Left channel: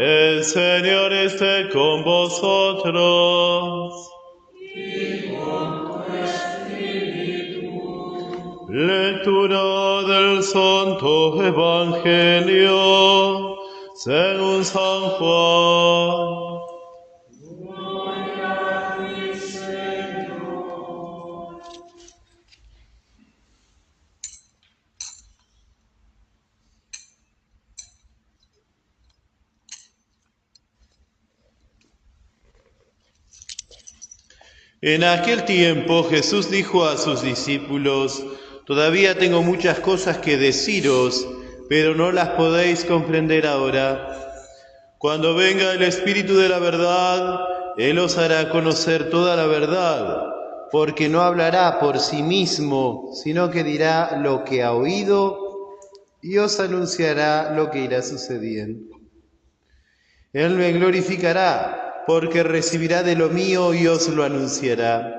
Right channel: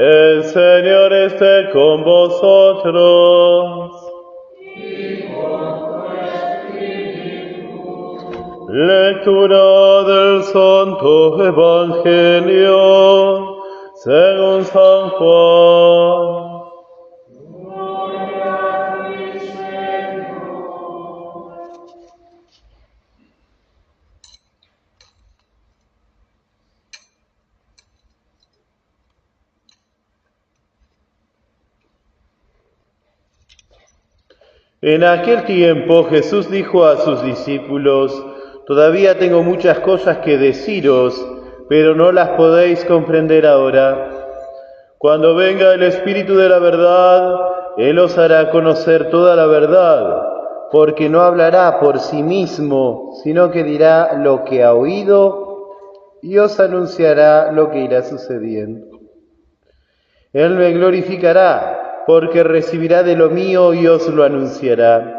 El Señor esté con vosotros. Lectura del Santo Evangelio según San Juan. Gloria a ti, Señor. En aquel tiempo Jesús dijo a sus discípulos: Todavía tengo muchas cosas que deciros, pero no las podéis comprender ahora. Cuando venga el Espíritu de la verdad, Él os hará conocer toda la verdad, porque no hablará por sí mismo, sino que dirá lo que ha oído y os anunciará lo que irá sucediendo. Él me glorificará, porque recibirá de lo mío y os lo anunciará.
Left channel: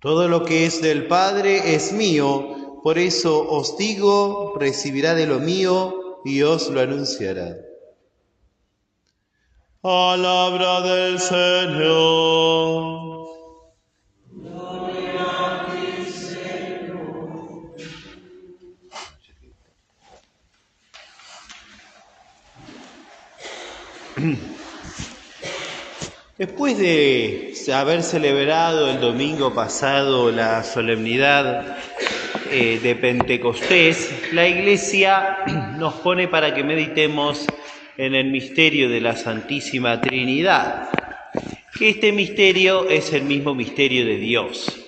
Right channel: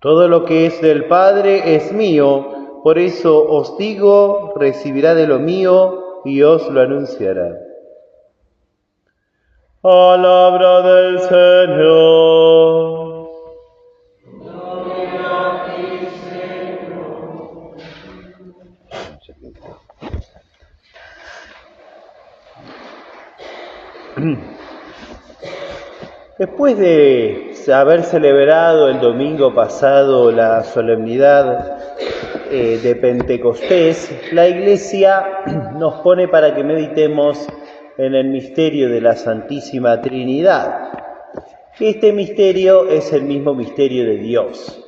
Todo lo que es del Padre es mío, por eso os digo, recibirá de lo mío y os lo anunciará. Palabra del Señor. Gloria a ti, Señor. Después de haber celebrado el domingo pasado la solemnidad de Pentecostés, la Iglesia nos pone para que meditemos en el misterio de la Santísima Trinidad, que este misterio es el mismo misterio de Dios.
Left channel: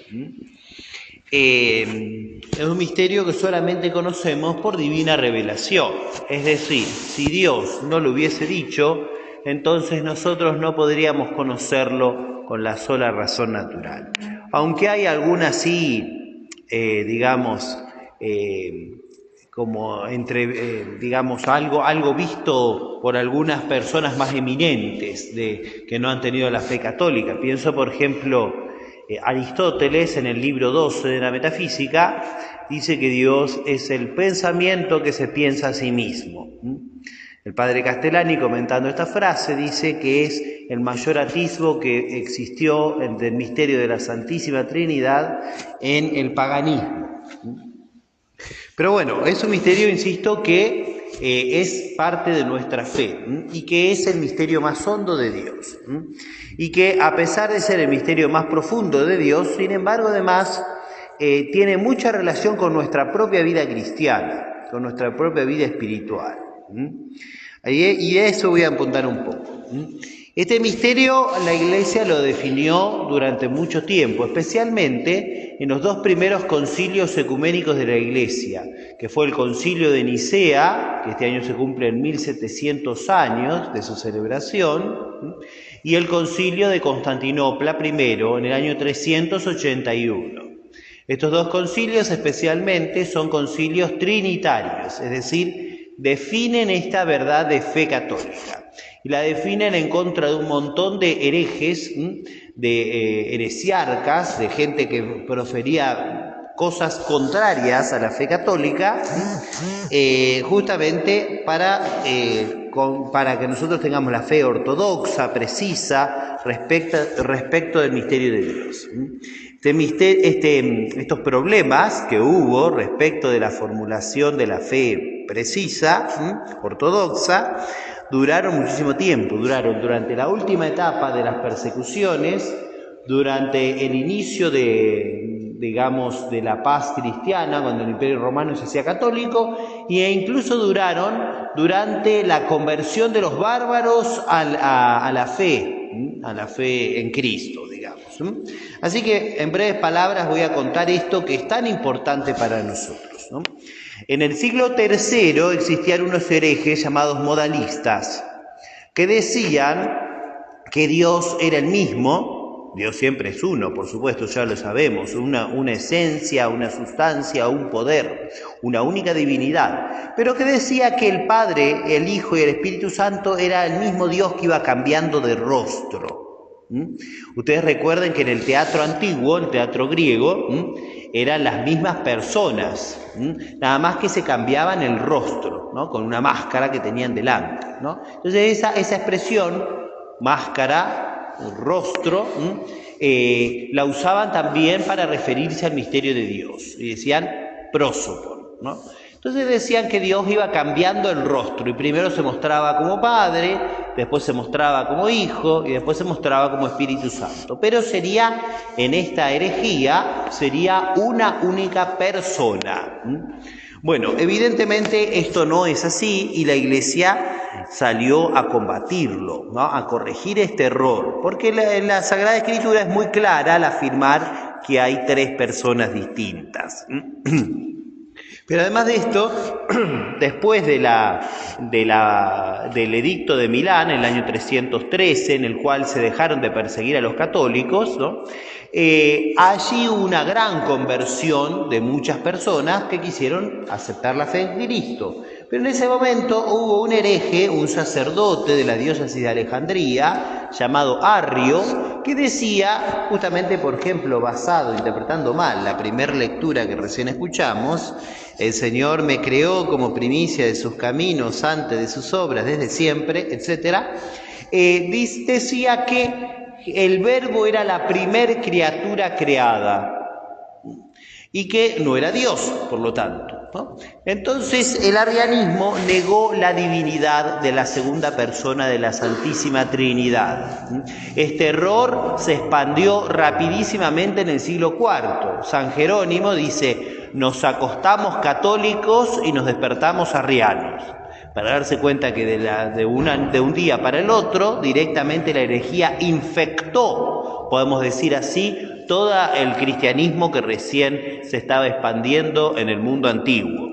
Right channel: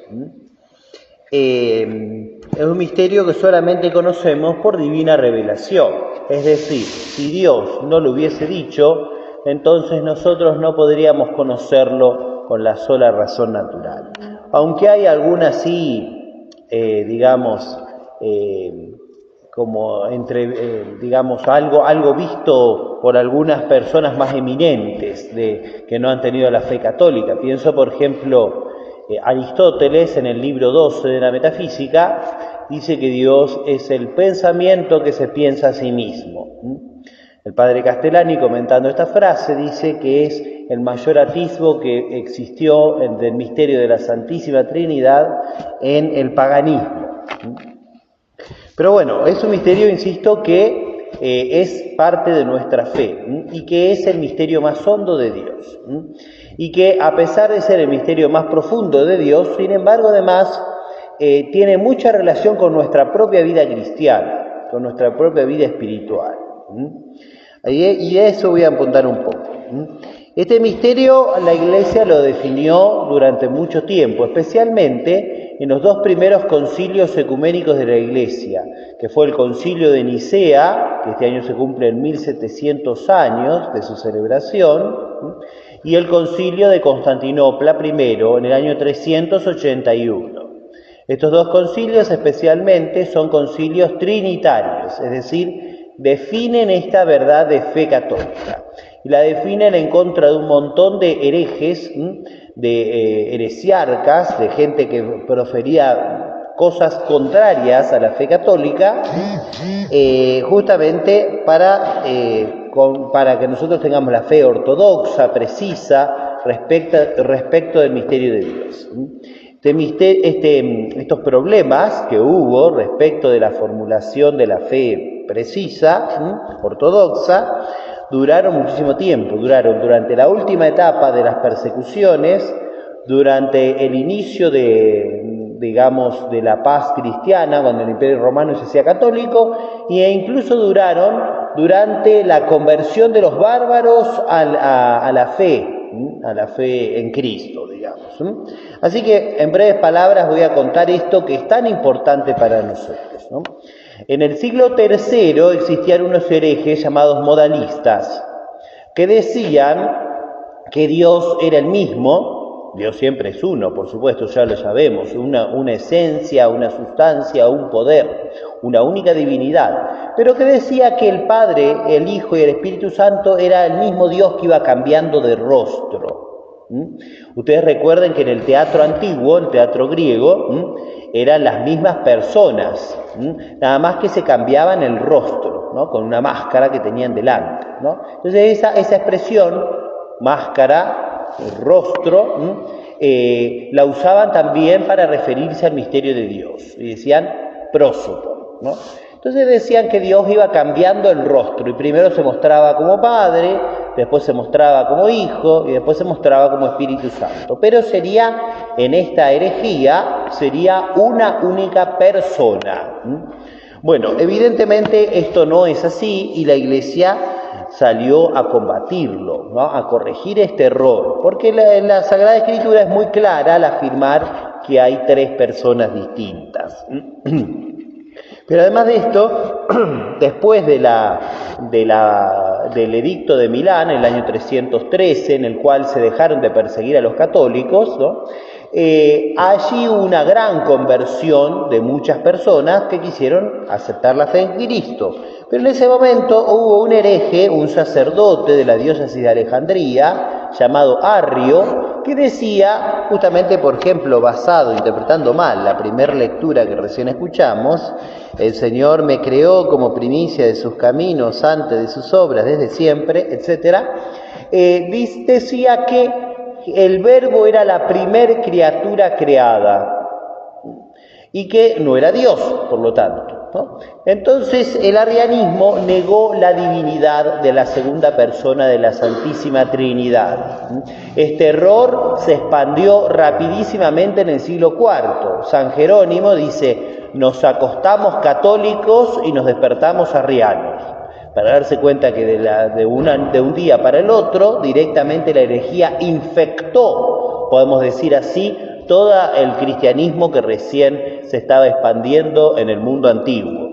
Es un misterio que solamente conocemos por divina revelación, es decir, si Dios no lo hubiese dicho, entonces nosotros no podríamos conocerlo con la sola razón natural. Aunque hay algunas sí, como algo visto por algunas personas más eminentes que no han tenido la fe católica. Pienso, por ejemplo, Aristóteles, en el libro 12 de la Metafísica, dice que Dios es el pensamiento que se piensa a sí mismo. El padre Castellani, comentando esta frase, dice que es el mayor atisbo que existió del misterio de la Santísima Trinidad en el paganismo. Pero bueno, es un misterio, insisto, que es parte de nuestra fe y que es el misterio más hondo de Dios. Y que a pesar de ser el misterio más profundo de Dios, sin embargo, además, tiene mucha relación con nuestra propia vida cristiana, con nuestra propia vida espiritual. Y de eso voy a apuntar un poco. Este misterio la Iglesia lo definió durante mucho tiempo, especialmente en los dos primeros concilios ecuménicos de la Iglesia, que fue el concilio de Nicea, que este año se cumplen 1700 años de su celebración, y el concilio de Constantinopla primero, en el año 381. Estos dos concilios especialmente son concilios trinitarios, es decir, definen esta verdad de fe católica y la definen en contra de un montón de herejes, de heresiarcas, de gente que profería cosas contrarias a la fe católica, justamente para que nosotros tengamos la fe ortodoxa, precisa, respecto del misterio de Dios. Estos problemas que hubo respecto de la formulación de la fe precisa, ortodoxa, duraron muchísimo tiempo, duraron durante la última etapa de las persecuciones, durante el inicio de la paz cristiana, cuando el Imperio Romano se hacía católico, e incluso duraron durante la conversión de los bárbaros a la fe en Cristo, digamos. Así que, en breves palabras, voy a contar esto que es tan importante para nosotros, ¿no? En el siglo III existían unos herejes llamados modalistas, que decían que Dios era el mismo. Dios siempre es uno, por supuesto, ya lo sabemos, una esencia, una sustancia, un poder, una única divinidad, pero que decía que el Padre, el Hijo y el Espíritu Santo era el mismo Dios que iba cambiando de rostro. Ustedes recuerden que en el teatro antiguo, el teatro griego, eran las mismas personas, nada más que se cambiaban el rostro, ¿no? Con una máscara que tenían delante, ¿no? Entonces esa expresión, máscara, rostro, la usaban también para referirse al misterio de Dios, y decían prosopon, ¿no? Entonces decían que Dios iba cambiando el rostro, y primero se mostraba como Padre, después se mostraba como Hijo, y después se mostraba como Espíritu Santo. Pero sería, en esta herejía, sería una única persona. Bueno, evidentemente esto no es así, y la Iglesia salió a combatirlo, ¿no? A corregir este error, porque la Sagrada Escritura es muy clara al afirmar que hay tres personas distintas. Pero además de esto, después del edicto de Milán, en el año 313, en el cual se dejaron de perseguir a los católicos, ¿no? Allí hubo una gran conversión de muchas personas que quisieron aceptar la fe en Cristo. Pero en ese momento hubo un hereje, un sacerdote de la diócesis de Alejandría, llamado Arrio, que decía, justamente, por ejemplo, interpretando mal la primera lectura que recién escuchamos, el Señor me creó como primicia de sus caminos, antes de sus obras, desde siempre, etc. Decía que el Verbo era la primer criatura creada y que no era Dios, por lo tanto, ¿no? Entonces el arrianismo negó la divinidad de la segunda persona de la Santísima Trinidad. Este error se expandió rapidísimamente en el siglo IV. San Jerónimo dice: nos acostamos católicos y nos despertamos arrianos. Para darse cuenta que de un día para el otro, directamente la herejía infectó, podemos decir así, todo el cristianismo que recién se estaba expandiendo en el mundo antiguo.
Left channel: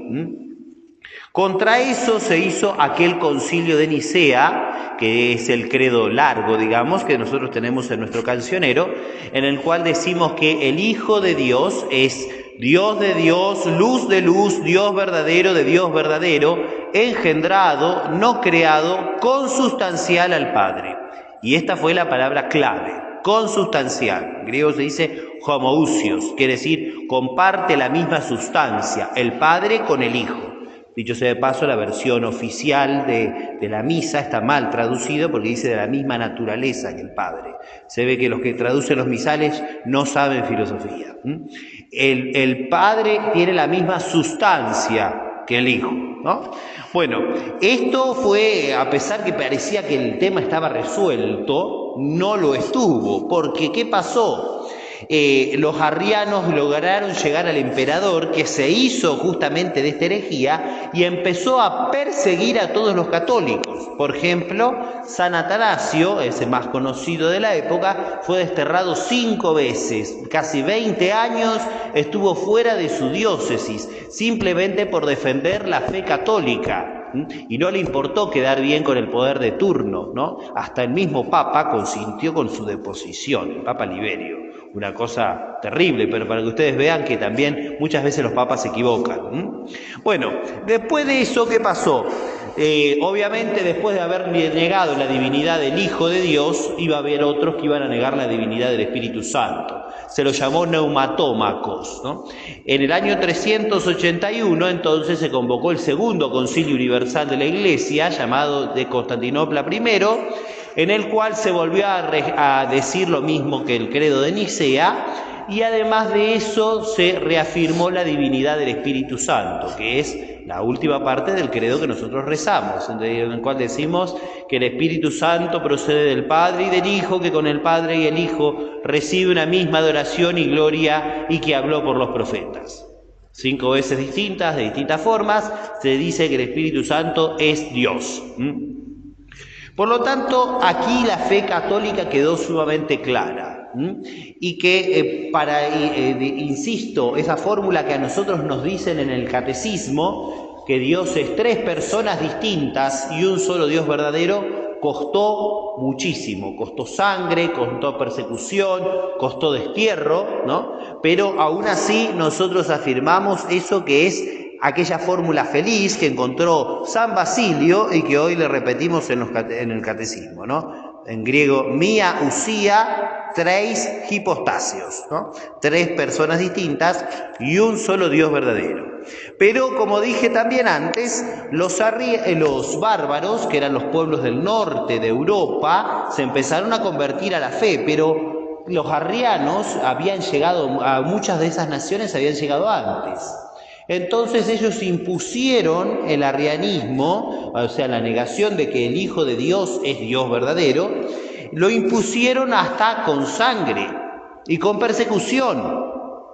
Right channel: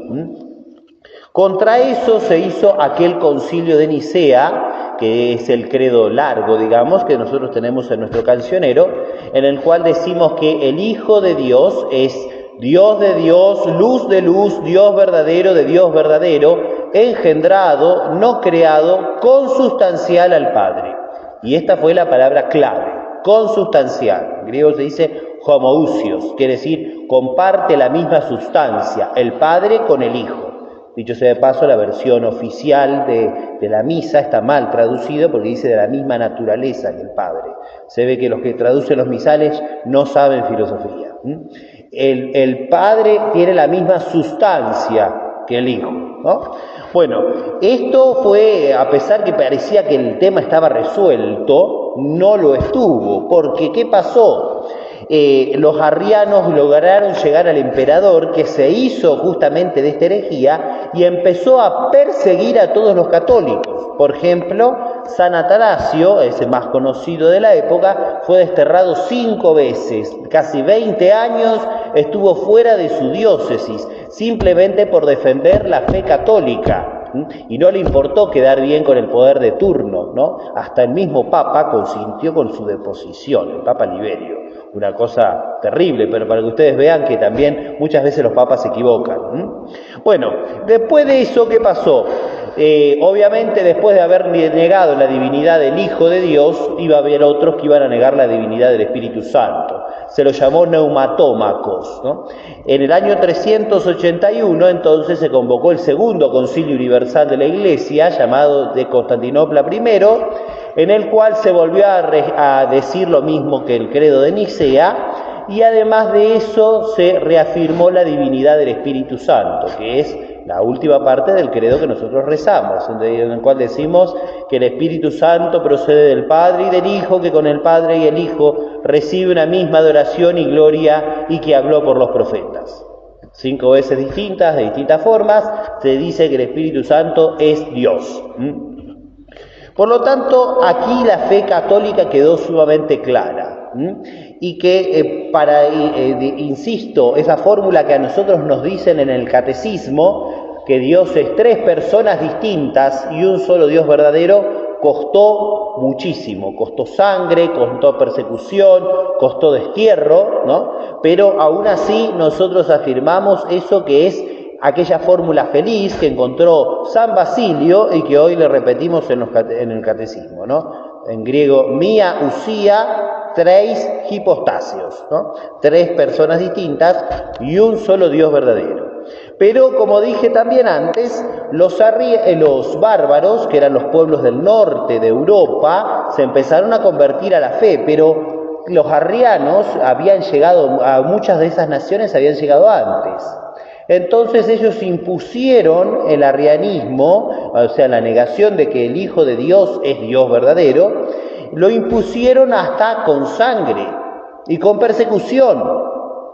Contra eso se hizo aquel concilio de Nicea, que es el credo largo, digamos, que nosotros tenemos en nuestro cancionero, en el cual decimos que el Hijo de Dios es Dios de Dios, luz de luz, Dios verdadero de Dios verdadero, engendrado, no creado, consustancial al Padre. Y esta fue la palabra clave, consustancial. En griego se dice homoousios, quiere decir comparte la misma sustancia, el Padre con el Hijo. Dicho sea de paso, la versión oficial de la misa está mal traducido porque dice de la misma naturaleza que el Padre. Se ve que los que traducen los misales no saben filosofía. El Padre tiene la misma sustancia que el Hijo, ¿no? Bueno, esto fue, a pesar que parecía que el tema estaba resuelto, no lo estuvo, porque ¿qué pasó? Los arrianos lograron llegar al emperador, que se hizo justamente de esta herejía y empezó a perseguir a todos los católicos. Por ejemplo, San Atanasio, ese más conocido de la época, fue desterrado 5 veces, casi 20 años estuvo fuera de su diócesis, simplemente por defender la fe católica. Y no le importó quedar bien con el poder de turno, ¿no? Hasta el mismo Papa consintió con su deposición, el Papa Liberio. Una cosa terrible, pero para que ustedes vean que también muchas veces los papas se equivocan. Bueno, después de eso, ¿qué pasó? Obviamente, después de haber negado la divinidad del Hijo de Dios, iba a haber otros que iban a negar la divinidad del Espíritu Santo. Se lo llamó neumatómacos, ¿no? En el año 381, entonces, se convocó el segundo Concilio Universal de la Iglesia, llamado de Constantinopla I, en el cual se volvió a decir lo mismo que el credo de Nicea, y además de eso se reafirmó la divinidad del Espíritu Santo, que es la última parte del credo que nosotros rezamos, en el cual decimos que el Espíritu Santo procede del Padre y del Hijo, que con el Padre y el Hijo recibe una misma adoración y gloria, y que habló por los profetas. 5 veces distintas, de distintas formas, se dice que el Espíritu Santo es Dios. Por lo tanto, aquí la fe católica quedó sumamente clara. Y que, insisto, esa fórmula que a nosotros nos dicen en el catecismo, que Dios es 3 personas distintas y un solo Dios verdadero, costó muchísimo, costó sangre, costó persecución, costó destierro, ¿no? Pero aún así nosotros afirmamos eso que es aquella fórmula feliz que encontró San Basilio y que hoy le repetimos en el catecismo, ¿no? En griego, mia usía, tres hipostasios, ¿no? Tres personas distintas y un solo Dios verdadero. Pero, como dije también antes, los bárbaros, que eran los pueblos del norte de Europa, se empezaron a convertir a la fe, pero los arrianos habían llegado, a muchas de esas naciones habían llegado antes. Entonces ellos impusieron el arrianismo, o sea, la negación de que el Hijo de Dios es Dios verdadero, lo impusieron hasta con sangre y con persecución,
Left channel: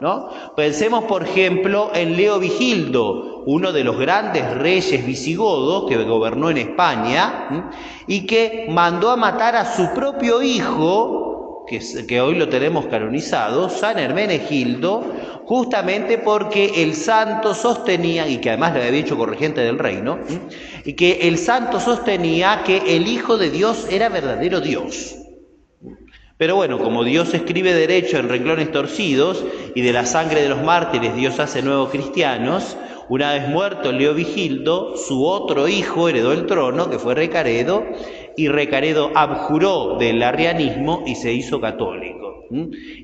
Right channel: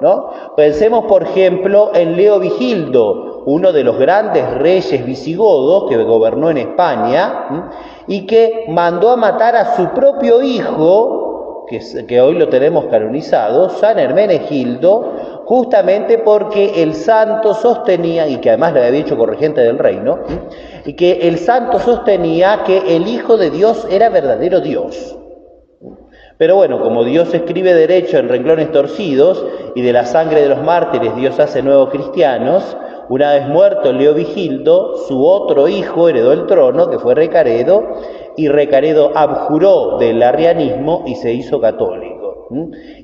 ¿no? Pensemos, por ejemplo, en Leovigildo, uno de los grandes reyes visigodos que gobernó en España y que mandó a matar a su propio hijo, que hoy lo tenemos canonizado, San Hermenegildo, justamente porque el santo sostenía, y que además le había hecho corregente del reino, y que el santo sostenía que el Hijo de Dios era verdadero Dios. Pero bueno, como Dios escribe derecho en renglones torcidos, y de la sangre de los mártires Dios hace nuevos cristianos, una vez muerto Leovigildo, su otro hijo heredó el trono, que fue Recaredo, y Recaredo abjuró del arrianismo y se hizo católico.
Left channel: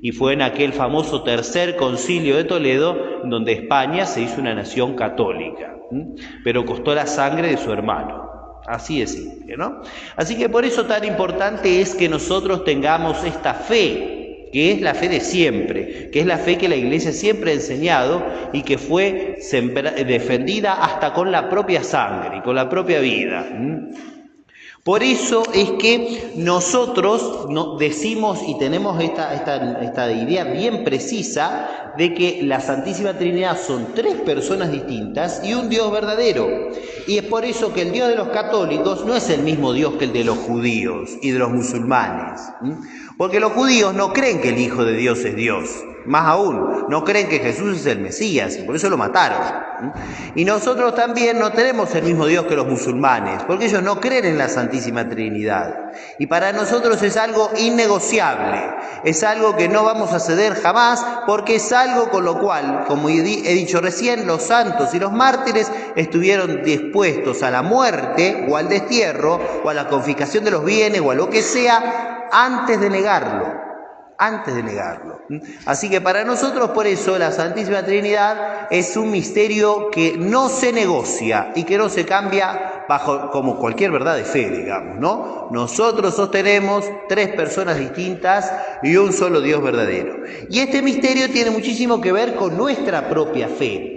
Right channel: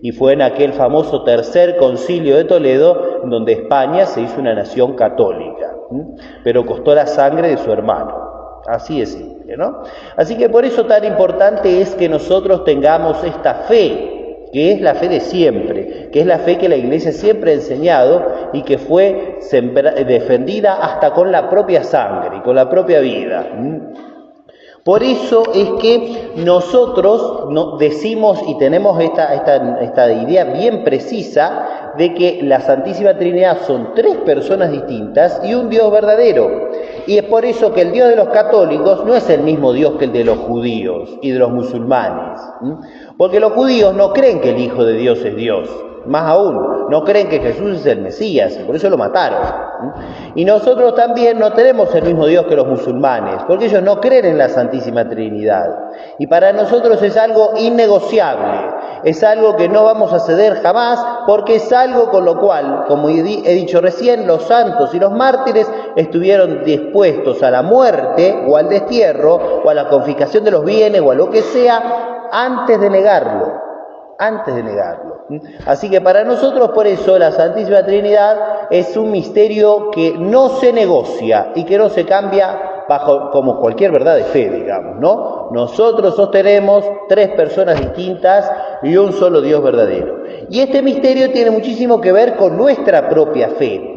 Y fue en aquel famoso tercer concilio de Toledo donde España se hizo una nación católica, pero costó la sangre de su hermano. Así es simple, ¿no? Así que por eso tan importante es que nosotros tengamos esta fe, que es la fe de siempre, que es la fe que la Iglesia siempre ha enseñado y que fue defendida hasta con la propia sangre y con la propia vida. Por eso es que nosotros decimos y tenemos esta idea bien precisa de que la Santísima Trinidad son tres personas distintas y un Dios verdadero. Y es por eso que el Dios de los católicos no es el mismo Dios que el de los judíos y de los musulmanes. Porque los judíos no creen que el Hijo de Dios es Dios. Más aún, no creen que Jesús es el Mesías y por eso lo mataron. Y nosotros también no tenemos el mismo Dios que los musulmanes, porque ellos no creen en la Santísima Trinidad. Y para nosotros es algo innegociable, es algo que no vamos a ceder jamás, porque es algo con lo cual, como he dicho recién, los santos y los mártires estuvieron dispuestos a la muerte o al destierro o a la confiscación de los bienes o a lo que sea antes de negarlo. Así que para nosotros, por eso, la Santísima Trinidad es un misterio que no se negocia y que no se cambia bajo como cualquier verdad de fe, digamos, ¿no? Nosotros sostenemos tres personas distintas y un solo Dios verdadero. Y este misterio tiene muchísimo que ver con nuestra propia fe.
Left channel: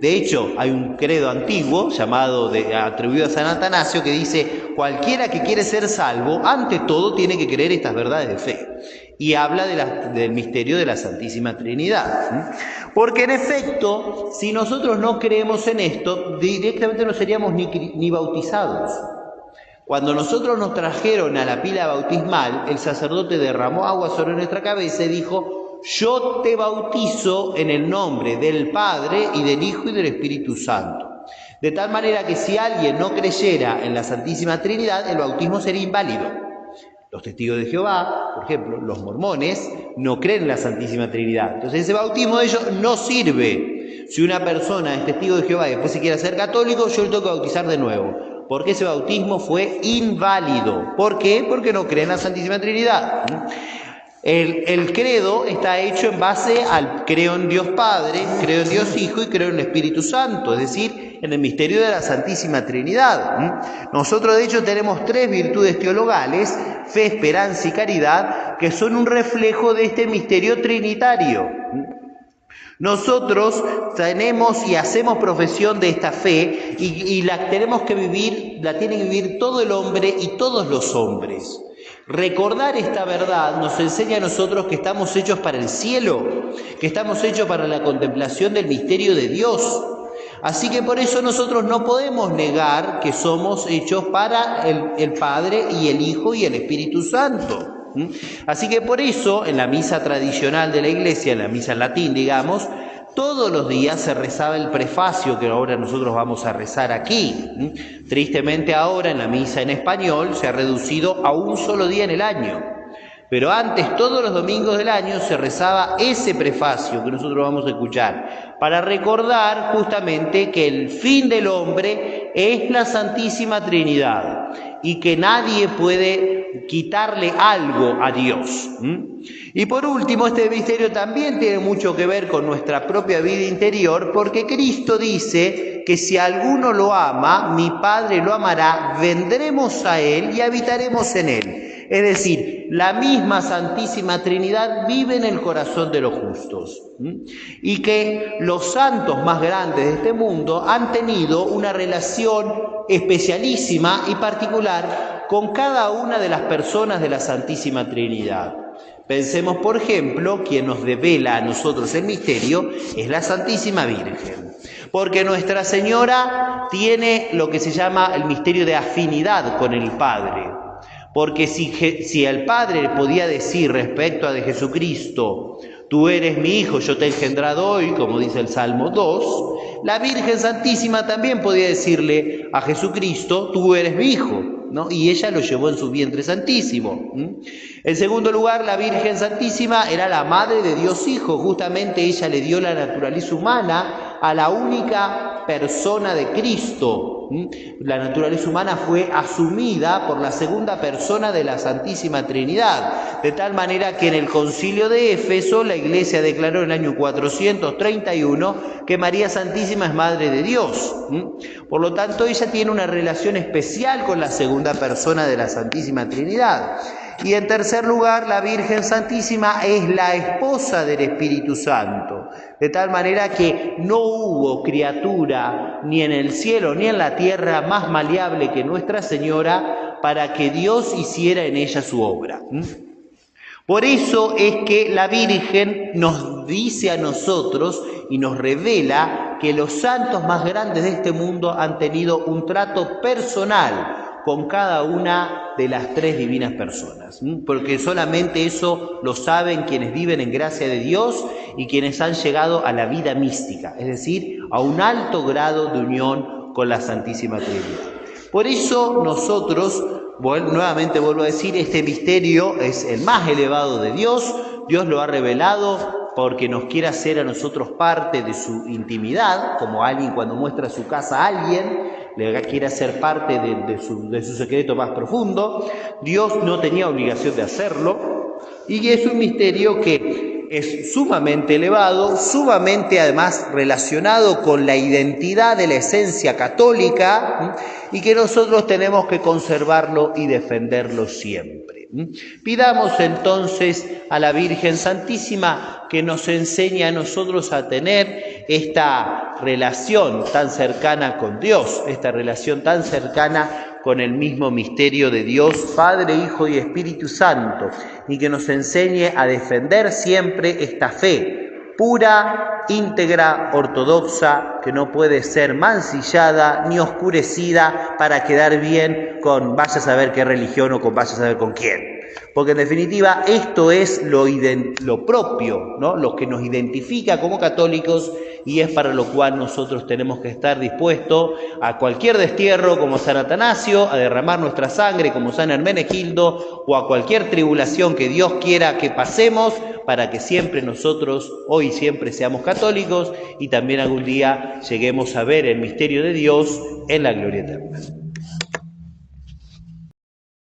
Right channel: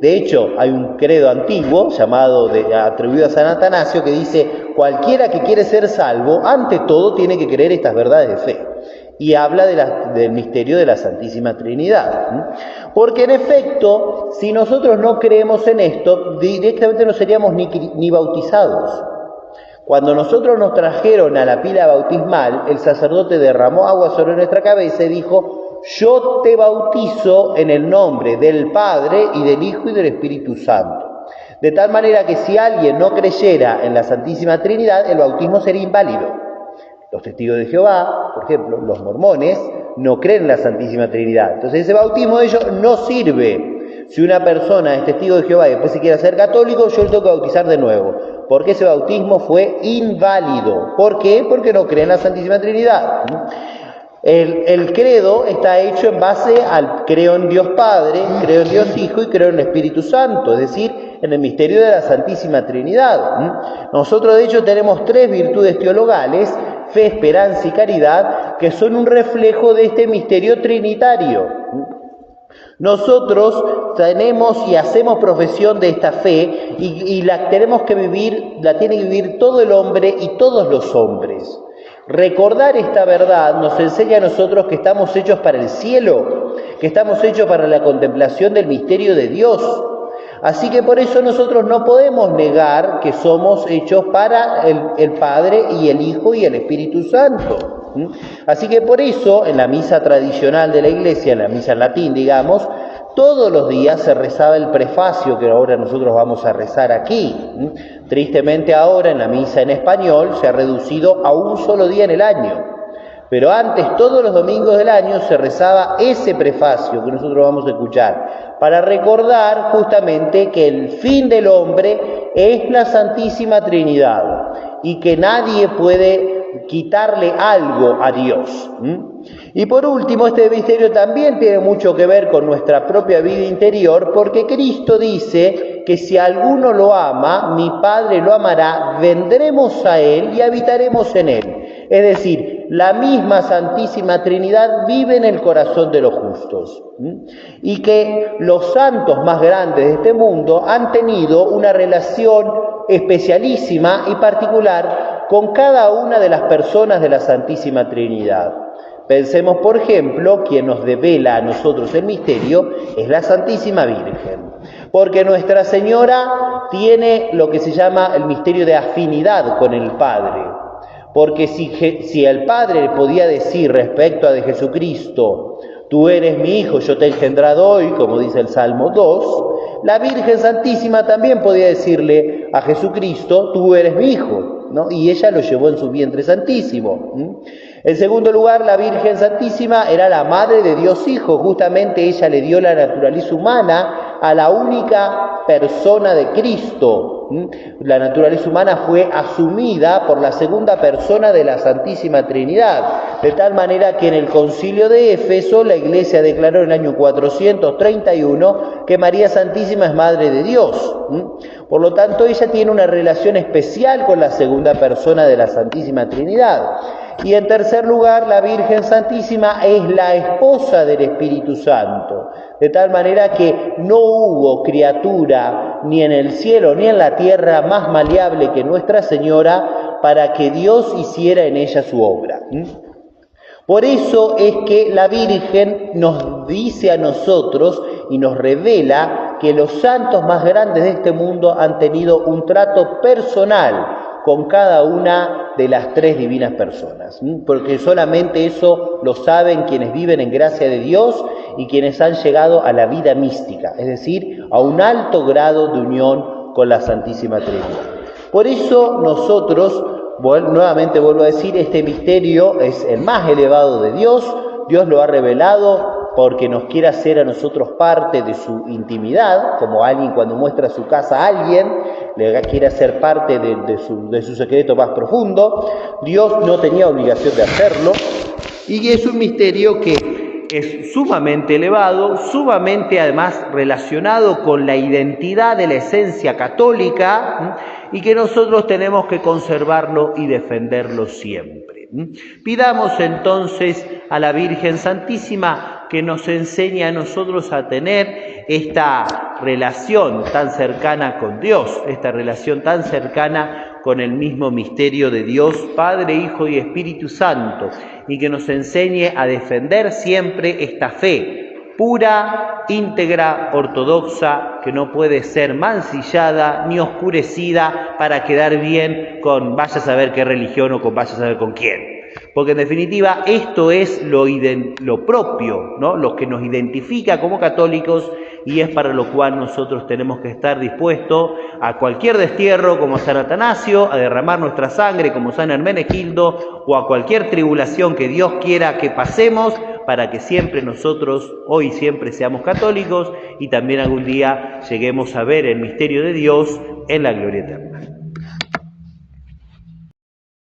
De hecho, hay un credo antiguo atribuido a San Atanasio que dice: cualquiera que quiere ser salvo, ante todo tiene que creer estas verdades de fe. Y habla del misterio de la Santísima Trinidad. Porque en efecto, si nosotros no creemos en esto, directamente no seríamos ni bautizados. Cuando nosotros nos trajeron a la pila bautismal, el sacerdote derramó agua sobre nuestra cabeza y dijo: yo te bautizo en el nombre del Padre y del Hijo y del Espíritu Santo. De tal manera que si alguien no creyera en la Santísima Trinidad, el bautismo sería inválido. Los testigos de Jehová, por ejemplo, los mormones, no creen en la Santísima Trinidad. Entonces ese bautismo de ellos no sirve. Si una persona es testigo de Jehová y después se quiere hacer católico, yo le tengo que bautizar de nuevo. Porque ese bautismo fue inválido. ¿Por qué? Porque no creen en la Santísima Trinidad. El credo está hecho en base al creo en Dios Padre, creo en Dios Hijo y creo en el Espíritu Santo, es decir, en el misterio de la Santísima Trinidad. Nosotros de hecho tenemos tres virtudes teologales: fe, esperanza y caridad, que son un reflejo de este misterio trinitario. Nosotros tenemos y hacemos profesión de esta fe y la tenemos que vivir, la tiene que vivir todo el hombre y todos los hombres. Recordar esta verdad nos enseña a nosotros que estamos hechos para el cielo, que estamos hechos para la contemplación del misterio de Dios. Así que por eso nosotros no podemos negar que somos hechos para el Padre y el Hijo y el Espíritu Santo. Así que por eso en la misa tradicional de la Iglesia, en la misa en latín, digamos, todos los días se rezaba el prefacio que ahora nosotros vamos a rezar aquí. Tristemente ahora en la misa en español se ha reducido a un solo día en el año. Pero antes, todos los domingos del año, se rezaba ese prefacio que nosotros vamos a escuchar, para recordar justamente que el fin del hombre es la Santísima Trinidad y que nadie puede quitarle algo a Dios. Y por último, este misterio también tiene mucho que ver con nuestra propia vida interior, porque Cristo dice que si alguno lo ama, mi Padre lo amará, vendremos a Él y habitaremos en Él. Es decir, la misma Santísima Trinidad vive en el corazón de los justos. Y que los santos más grandes de este mundo han tenido una relación especialísima y particular con cada una de las personas de la Santísima Trinidad. Pensemos, por ejemplo, quien nos devela a nosotros el misterio es la Santísima Virgen. Porque Nuestra Señora tiene lo que se llama el misterio de afinidad con el Padre. Porque si el Padre podía decir respecto a de Jesucristo, tú eres mi Hijo, yo te he engendrado hoy, como dice el Salmo 2, la Virgen Santísima también podía decirle a Jesucristo, tú eres mi Hijo, ¿no? Y ella lo llevó en su vientre santísimo. En segundo lugar, la Virgen Santísima era la Madre de Dios Hijo, justamente ella le dio la naturaleza humana a la única persona de Cristo. La naturaleza humana fue asumida por la segunda persona de la Santísima Trinidad, de tal manera que en el Concilio de Éfeso la Iglesia declaró en el año 431 que María Santísima es Madre de Dios. Por lo tanto, ella tiene una relación especial con la segunda persona de la Santísima Trinidad. Y en tercer lugar, la Virgen Santísima es la esposa del Espíritu Santo, de tal manera que no hubo criatura ni en el cielo ni en la tierra más maleable que Nuestra Señora para que Dios hiciera en ella su obra. Por eso es que la Virgen nos dice a nosotros y nos revela que los santos más grandes de este mundo han tenido un trato personal con cada una de las tres divinas personas, porque solamente eso lo saben quienes viven en gracia de Dios y quienes han llegado a la vida mística, es decir, a un alto grado de unión con la Santísima Trinidad. Por eso nosotros, nuevamente vuelvo a decir, este misterio es el más elevado de Dios. Dios lo ha revelado porque nos quiere hacer a nosotros parte de su intimidad, como alguien cuando muestra su casa a alguien, le quiere hacer parte de su secreto más profundo. Dios no tenía obligación de hacerlo, y es un misterio que es sumamente elevado, sumamente además relacionado con la identidad de la esencia católica, y que nosotros tenemos que conservarlo y defenderlo siempre. Pidamos entonces a la Virgen Santísima que nos enseñe a nosotros a tener esta relación tan cercana con Dios, esta relación tan cercana con el mismo misterio de Dios, Padre, Hijo y Espíritu Santo, y que nos enseñe a defender siempre esta fe pura, íntegra, ortodoxa, que no puede ser mancillada ni oscurecida para quedar bien con vaya a saber qué religión o con vaya a saber con quién. Porque en definitiva esto es lo propio, ¿no? Lo que nos identifica como católicos, y es para lo cual nosotros tenemos que estar dispuestos a cualquier destierro como San Atanasio, a derramar nuestra sangre como San Hermenegildo, o a cualquier tribulación que Dios quiera que pasemos, para que siempre nosotros, hoy siempre seamos católicos, y también algún día lleguemos a ver el misterio de Dios en la gloria eterna.